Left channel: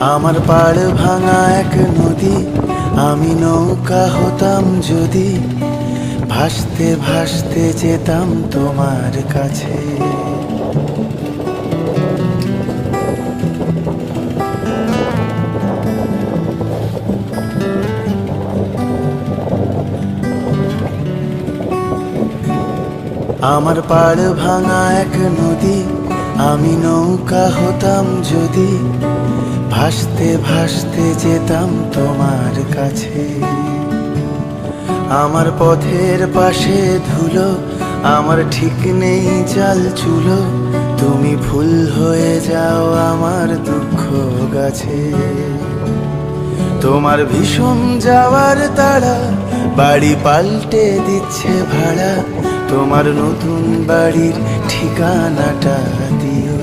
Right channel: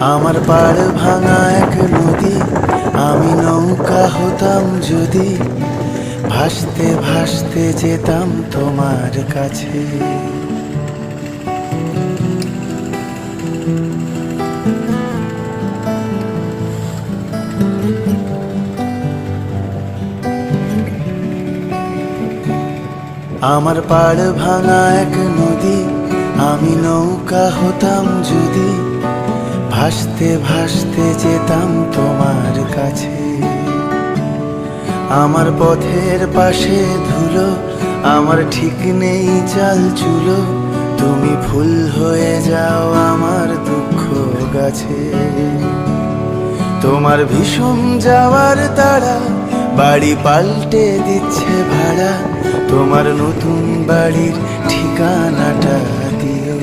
আমার পাড় ভাঙা এক নদী, আমি নৌকা হতাম যদি, ভাসতে ভাসতে যেতাম তোমার কাছে। আমার পাড় ভাঙা এক নদী, আমি নৌকা হতাম যদি, ভাসতে ভাসতে যেতাম তোমার কাছে। আমার পথের পাশে ধুলো, আমার ঠিক নেই চাল চুলো, তুমি ফুল হয়ে যাও আমার দুঃখ গাছে। তোমার ভীষণ যাওয়ার তাড়া বাড়ি পাল্টে দিচ্ছে ভাড়া, তোমার নতুন বাড়ির ঠিকানাটা দিও।